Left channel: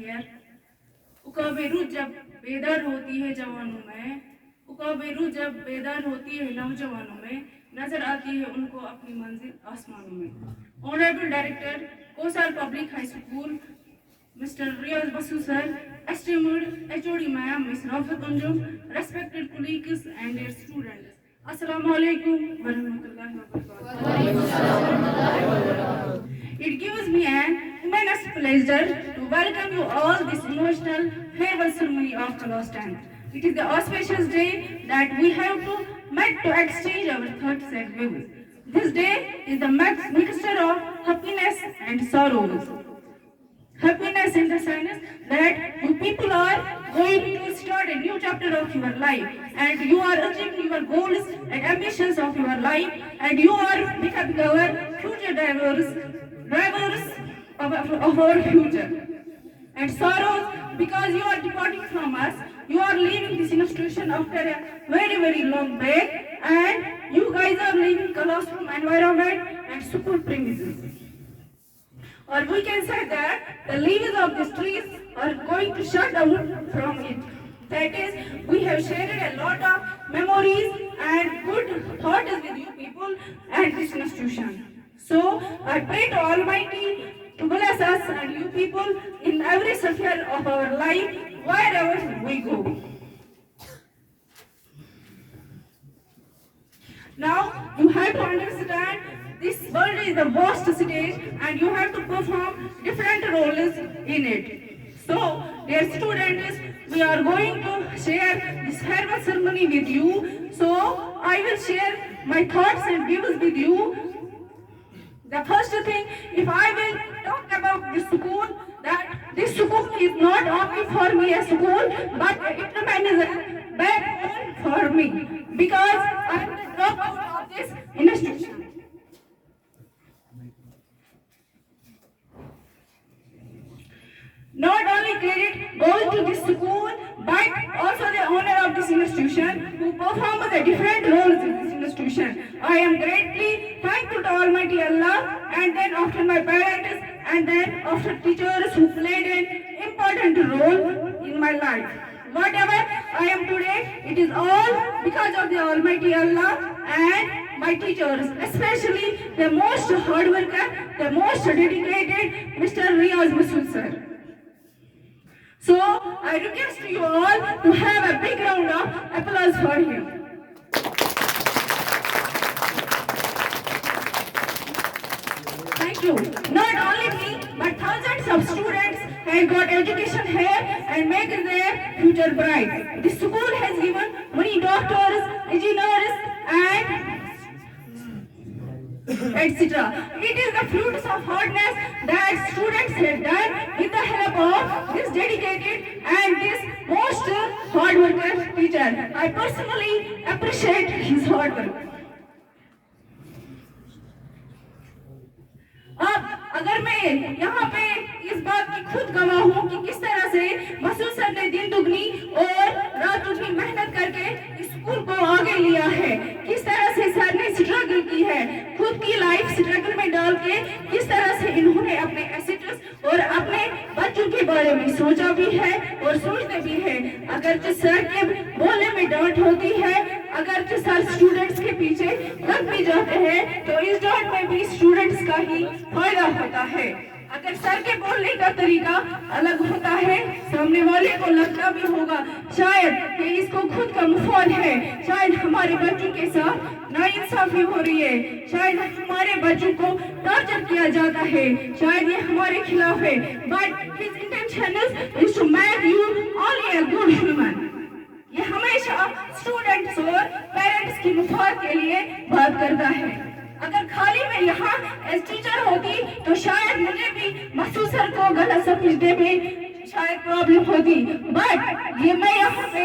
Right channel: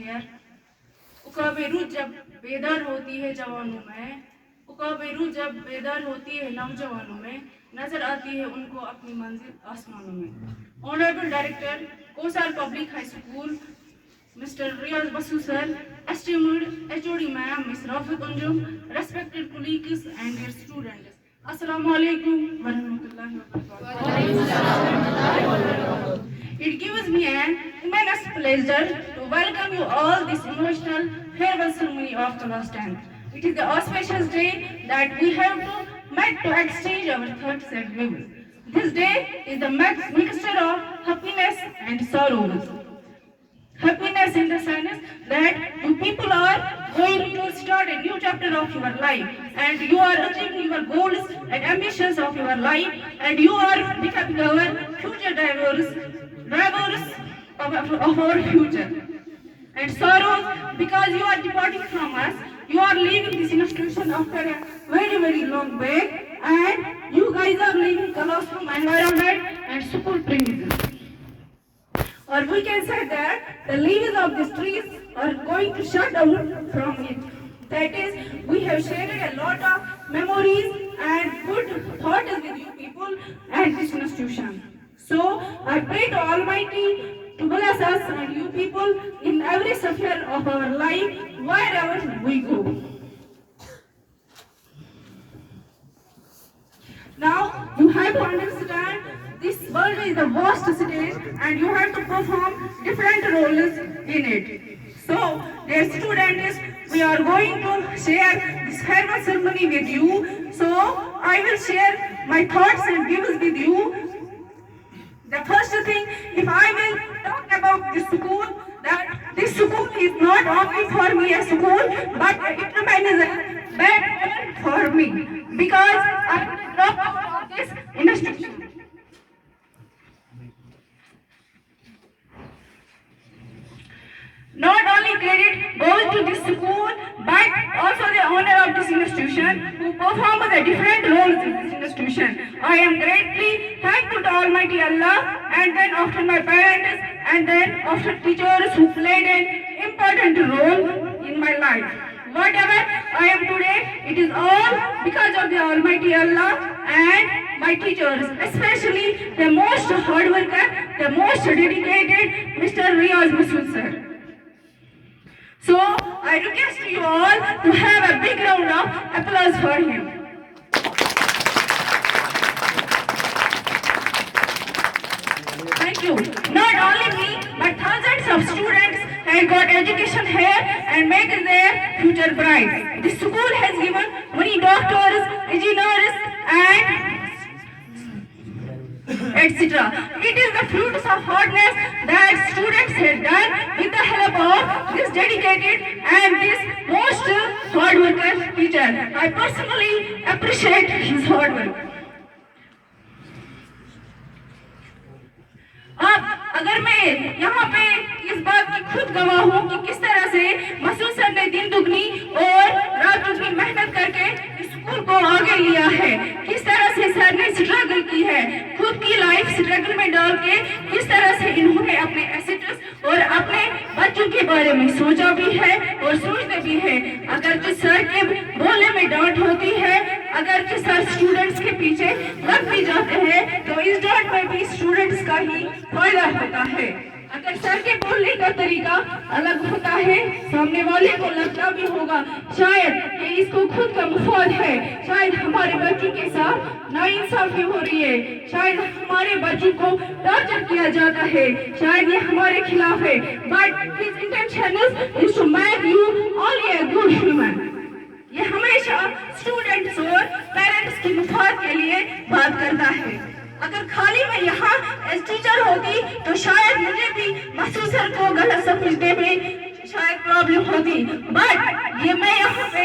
here. उकाबेरू जब बेदार होती है जवानों में, उकाबेरू जब बेदार होती है नौजवानों में, नजर आती है उनको अपनी मंजिल आसमानों में. Honorable Director, Kosar Public High School, Mr. Riyaz Basu sir, esteemed HOD ma'am, Ms. Rafiq Anjum, respected colleagues and their students. Assalamu alaikum wa rahmatullahi wa barakatuh. It gives me an immense pleasure to welcome you all this emotional farewell ceremony of class 10th. It is the auspicious day that we have met to exchange our thoughts and views. This day is the mixture of happiness and sorrows. Happiness in the sense that you people are going to start a new chapter of your life and you are achieving your goals and ambitions of your life and you are becoming our future drivers of our future. And sorrows because you are departing from us, you are leaving this institution after a very long break and you guys are leaving classroom environment and school premises. Or we can say that the leaves of these trees are going to shut down from it. That is, we have shared a lot of memories and good thoughts with you people at this institution. So, I pray to Almighty to bless us and you people in every sphere of our life, wherever we go. Now, you have to understand this world is the vast stage and you have to perform different roles in it. So, dear students, we are going to share this farewell ceremony with you. So, I will share my thoughts and views with you. The first thing, if I will talk about this school, that this school is not only for me a school, but it remains a bad for me because I drop out of this institution. Not only credit goes to this school, but also the owner of this institution who performs the different roles in this institution. I am greatly thankful to Almighty Allah and then after my parents and then after teachers who played an important role in my life. Whatever I am today, it is all because of the Almighty Allah and my teachers, especially the most hard worker, the most dedicated Mr. Riyaz Basu sir. So, I request you all to have a big round of applause for him. Thank you. Not only me, but thousands of students have got education here and make their future bright. This school has given many doctors, engineers, and etc. It is the fruits of hardness that students have done with the help of this dedicated and this most hard worker teacher. I personally appreciate his hard work. अब अगर मैं यहाँ पे इस बात की खुद गवाह हूँ कि किस तरह से मसूद सर ने दिन दुगनी और रात दुगनी मेहनत करके स्कूल को आगे लिया है, किस तरह से सर ने स्ट्रगल की है, खुद की लाइफ स्ट्रगल में डाल के किस तरह से इन्होंने अपने एसेट्स और अपने बच्चों के बारे में सोचा भी है और सोचते भी है। अगर जो सर के बोलने में डांट होती है, अगर जो सर स्टूडेंट्स के पीछे लग भी जाते हैं तो इस डांट में भी स्टूडेंट्स का ही फायदा होता है। अगर सर के बोलने का तरीका अलग होता है, सामने वाले को लगता भी होगा शायद कि इसको खुद का मुफाद है, शायद हमारे बच्चों के साथ नाइंसाफी हो रही है, शायद हमारे बच्चों को टॉर्चर किया जाता है, शायद ये हमारे खिलाफ है, but his intention is to make you only a good human. ये हमेशा स्टूडेंट्स और पेरेंट्स की मुफाद के लिए बात करता है। अगर खाली मैं यहाँ एज टीचर होती तो शायद मुझे भी मसूद सर को गलत समझने में शायद प्रॉब्लम होती, बट ये मैं यहाँ पे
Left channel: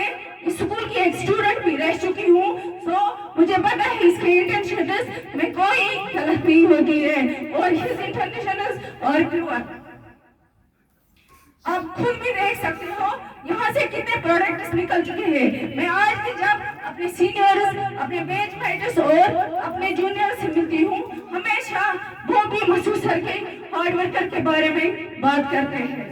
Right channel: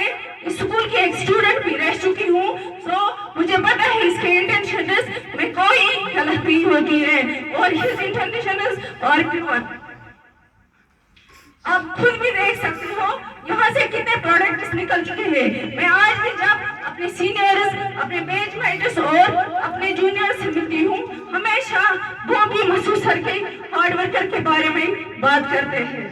स्कूल की एक स्टूडेंट भी रह चुकी हूँ, तो मुझे पता है इसके इंटेंशंस में कोई गलत नहीं होती है और हिज इंटेंशंस और प्योर। आप खुद भी देख सकते हो यहाँ से कितने प्रोडक्ट्स निकल चुके हैं। मैं आज भी जब अपने सीनियर्स, अपने बैचमेट्स और अपने जूनियर्स से मिलती हूँ, हमेशा वो भी मसूद सर के हार्ड वर्कर के बारे में बात करते हैं।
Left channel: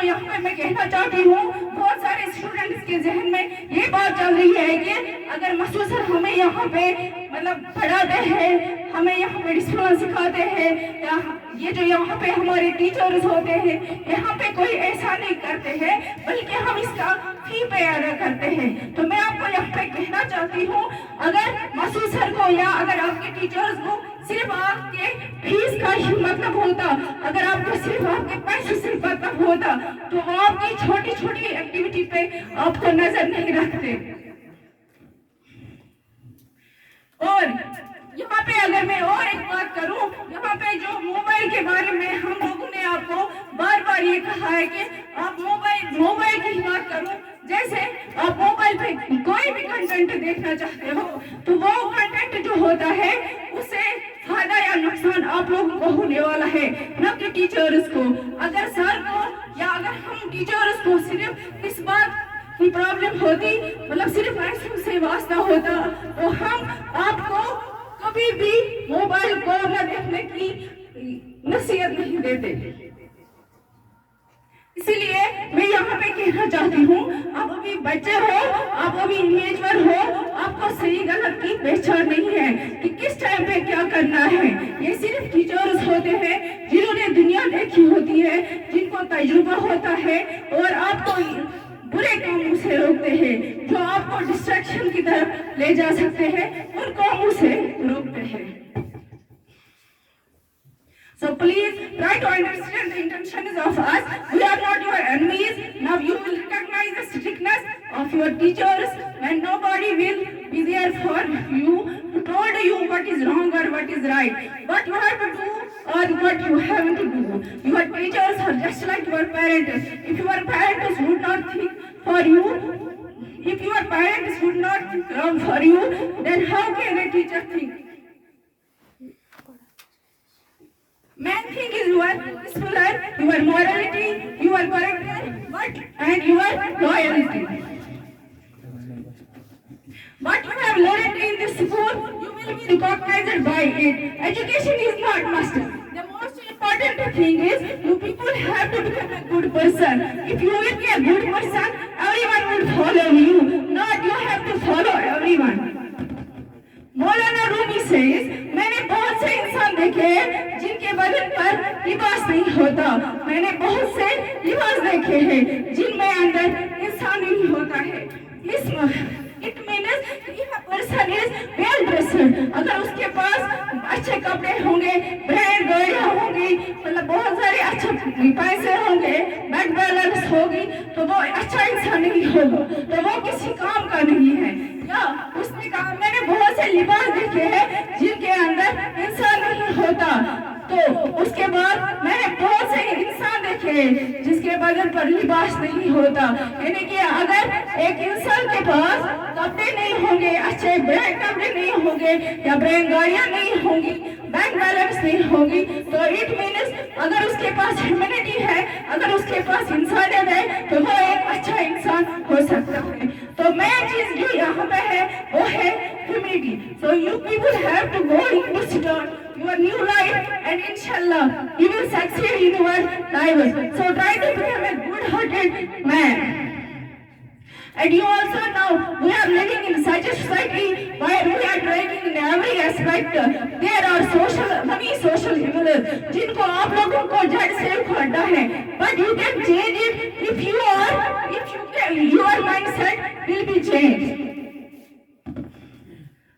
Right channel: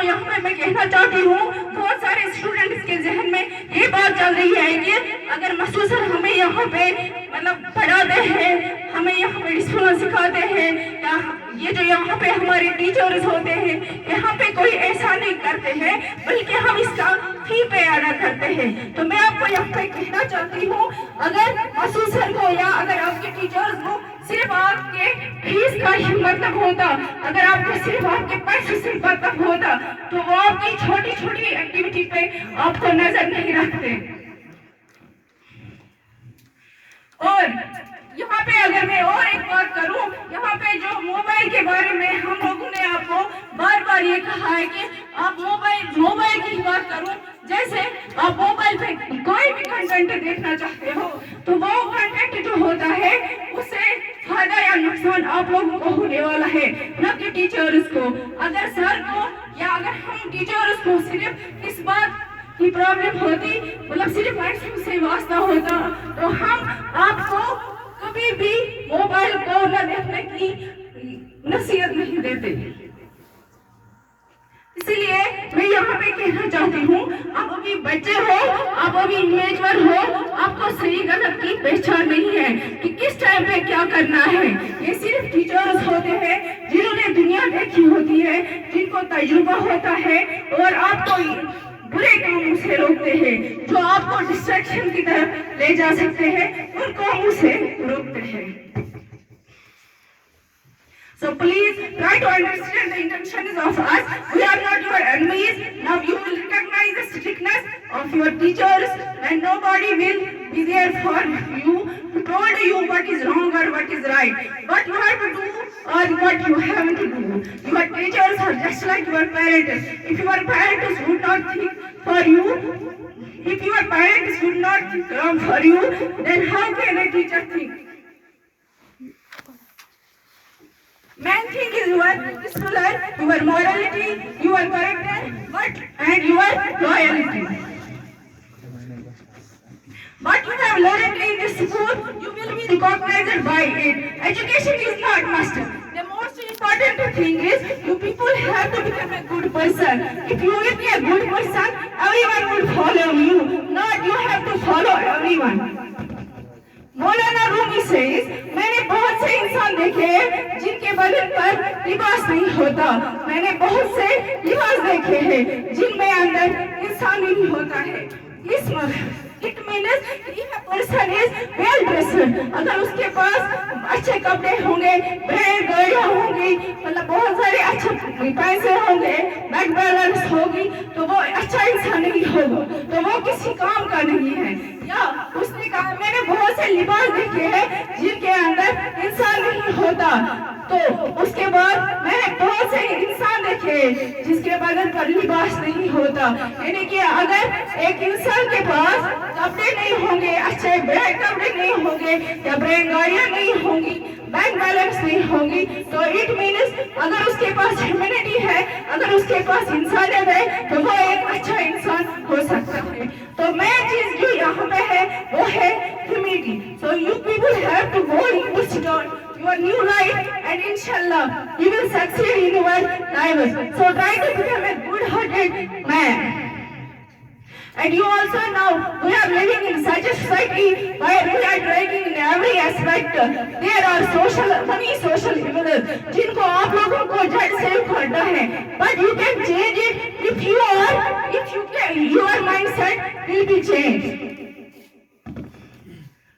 जो यहाँ पे मैं कहना चाहती हूँ, बहुत सारे स्टूडेंट्स के जहन में ये बात चल रही है कि अगर मसूद सर हमें यहाँ पे मतलब पढ़ाते हैं, हमें यहाँ पे डिसिप्लिन सिखाते हैं, या ये जो यहाँ पे हमारे टीचर्स होते हैं यहाँ पे कोई ऐसा नहीं करते हैं, बल्कि हम इसका फी पे अदा करते हैं। तो मैं आपको यहाँ पे कहना चाहती हूँ, अगर मसूद सर को या अगर आपके टीचर्स को सिर्फ आपके फीस का ही मतलब होता, अगर आपको सिर्फ आपके पैसे से मतलब होता, तो वो आपकी छोटी छोटी एक्टिविटी पे आपको नजर नहीं रखते। और यहाँ पे अगर मैं और एक बात करूँ, यहाँ पे जो मोबाइल के बारे में हम लोगों ने आपको बार बार ये कहा है कि आप मोबाइल की बात करो, जैसे आप मोबाइल पे कोई भी कंटेंट देखना चाहते हो तो वो कंटेंट जो होता है उससे फायदा या नुकसान आप लोगों को होने वाला है, न कि टीचर्स को। अगर सर को या अगर हम टीचर्स को सिर्फ इस बात की प्रॉब्लम होती, मतलब सिर्फ लाइसेंस से वास्ता होता, तो हम आपको कभी भी मोबाइल को न देखने की नसीहत नहीं देते। इसीलिए मैं यहाँ पे कहना चाहती हूँ, आप अभी बच्चे हो, आप अभी इमेच्योर हो, आपको सही गलत की पहचान नहीं है कि किस टाइम पे क्या करना है। ये सिर्फ टीचर्स होते हैं जिन्होंने दुनिया देखी होती है, जिनको तजुर्बा होता है और आपको बुरे कामों से रोकते हैं, जो आपको डिस्ट्रैक्शन की तरफ ले जा सकते हैं, उन कामों से रोकते हैं। So please try to understand the intentions of us. We are not your enemies. Now you will recognize the strictness of your teachers when nobody will be there for you to told you what is wrong or what is right. What you have to do or what you have to do. Your teachers are just like your parents. If your parents would not think for you, if your parents would not think for you, then how can a teacher think? Main thing is your discipline, your morality, your character, and your loyalty. What you have learned in this school, you will be recognized by it. Education is not must. The most important thing is you people have to become a good person. If you will be a good person, everyone will follow you. Not you have to follow everyone. मौलाना रूमी सेज, मैंने बहुत से इंसान देखे हैं जिनके बदन पर लिबास नहीं होता, मैंने बहुत से लिबास देखे हैं जिनमें अंदर इंसान नहीं होता है। It means if a person is well dressed, अगर उसके पास अच्छे कपड़े होंगे, ब्रांड गाड़ियाँ होंगी, मतलब बहुत सारे अच्छे पैसे होंगे, बैंक बैलेंस होगी, तो वो अच्छा इंसान नहीं होगा, तो वो किसी काम का नहीं है। या उसने कहा मैंने बहुत से लिबास देखे हैं जिनके अंदर इंसान नहीं होता, तो उसके बाद मैंने बहुत से इंसान देखे जिसके बदन पर लिबास नहीं होता। यानी कि अगर एक इंसान के पास कपड़े नहीं होंगे, अच्छे ब्रांड कपड़े नहीं होंगे या ब्रांड गाड़ियाँ नहीं होंगी, बैंक बैलेंस नहीं होगी, तो इट मीन्स अगर उसके पास ह्यूमैनिटी है, अगर उसके पास इंसानियत है, तो वो एक अच्छा इंसान हो सकता है। तो मेन चीज जो यहाँ पे है वो है humanity. So you people have to go in start your new life, and inshallah you will succeed in your life. So try to become a good-hearted man. And you also know we are living in such a society where we are dragging in every aspect. There are many social evils जिनको आप लोगों को जड़ से उखाड़ना है, but you can change it if your mindset will be changed.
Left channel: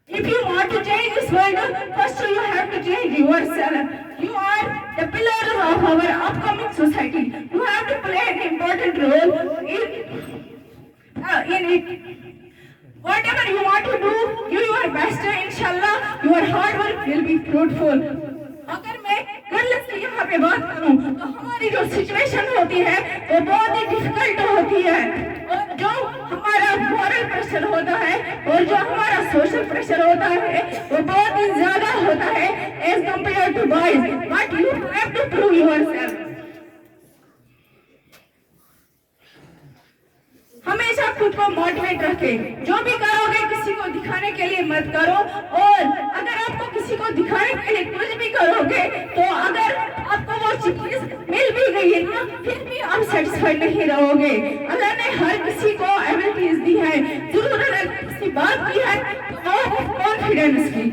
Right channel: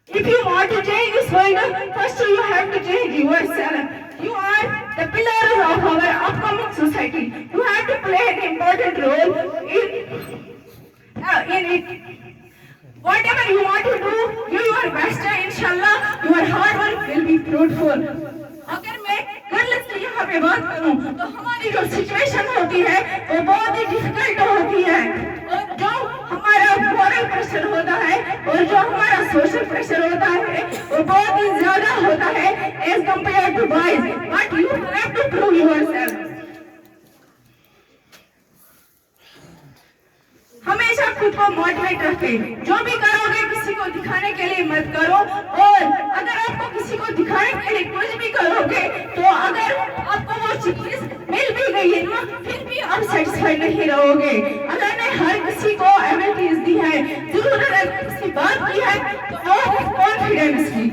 If you want to change this world, first you have to change yourself. You are the pillars of our upcoming society. You have to play an important role in it. Whatever you want to do, do your best. Inshallah, your hard work will be fruitful. अगर मैं गर्ल्स की यहाँ पे बात करूँ तो हमारी जो सिचुएशन होती है वो बहुत ही डिफिकल्ट होती है, और जो हमारा मॉरल प्रेशर होता है और जो हमारा सोशल प्रेशर होता है वो बहुत ही ज्यादा होता है as compared to boys, but you have to prove yourself. हमेशा खुद को मोटिवेट रखें, जो भी करोगे किसी को दिखाने के लिए मत करो, और अगर आपको किसी को दिखाने के लिए कुछ भी करोगे तो अगर आपको वो चीज मिल भी गई है ना, फिर भी आप आप सेटिस्फाइड नहीं रहोगे। अल्लाह ने हर किसी को एबिलिटीज दी है, जरूर अगर किसी बात की है तो वो है कॉन्फिडेंस की।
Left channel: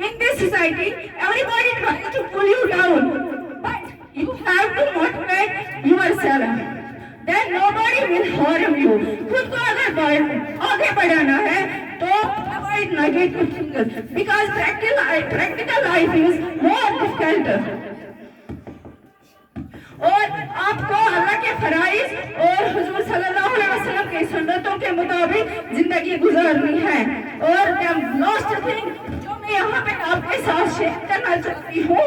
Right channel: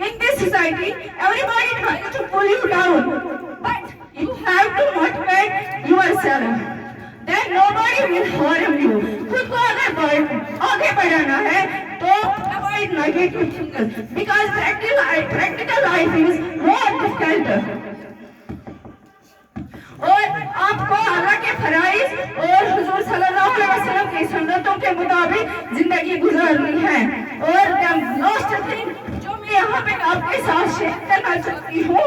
In this society, everybody tries to pull you down, but you have to motivate yourself. Then nobody will harm you. खुद को अगर आगे बढ़ाना है तो avoid negative things because practical life is more difficult. और आपको अल्लाह के फराइज और हुजूर सल्लल्लाहु अलैहि वसल्लम की सुन्नतों के मुताबिक जिंदगी गुजारनी है। और लास्ट थिंग जो मैं यहाँ पे आपके साथ शेयर करना चाहती हूँ,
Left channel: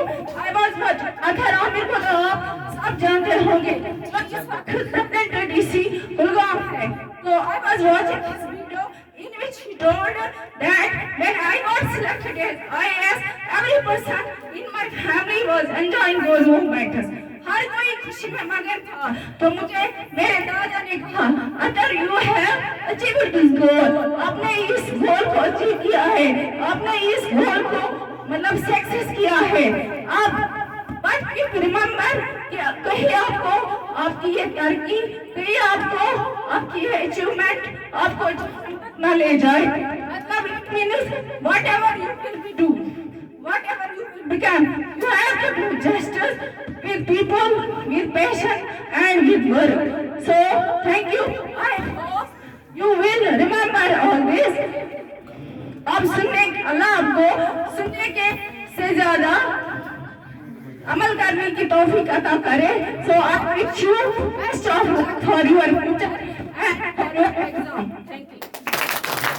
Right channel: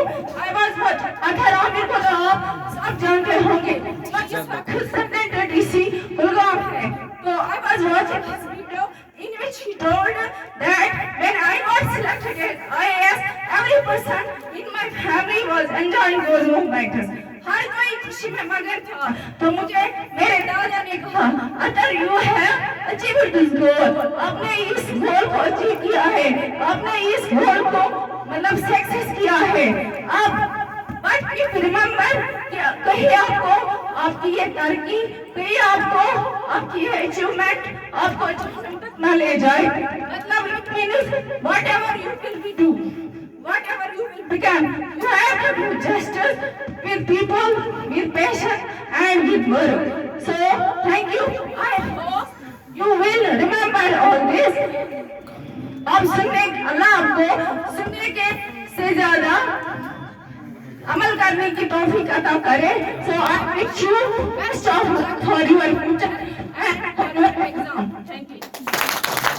अगर आमिर को तो आप सब जानते होंगे, तो डीसी गुलगाम है। तो I was watching his video in which he told that when I was selected as IAS, every person in my family was enjoying those movements. हर कोई खुशी में मगन था। तो मुझे मेरे दादा ने कहा, अगर you have achieved this goal, आपने इस गोल को अचीव किया है, आपने इस गोल को मतलब सक्सेस किया है। अब बट इफ रिमेंबर कहीं आपको आपकी ये तरक्की, कहीं आपको आपकी ये अचीवमेंट आपको जहन्नम तक न ले जाए। मतलब it means whatever you will be do, whatever you will become, you have to do justice with people, with passion and with work. So thank you. I hope you will remember all this. अब सुनने अल्लाह आपको सुनने के से ज्यादा अमल करने की तौफीक अता करे। So I wish you best of luck for your future and for your exam.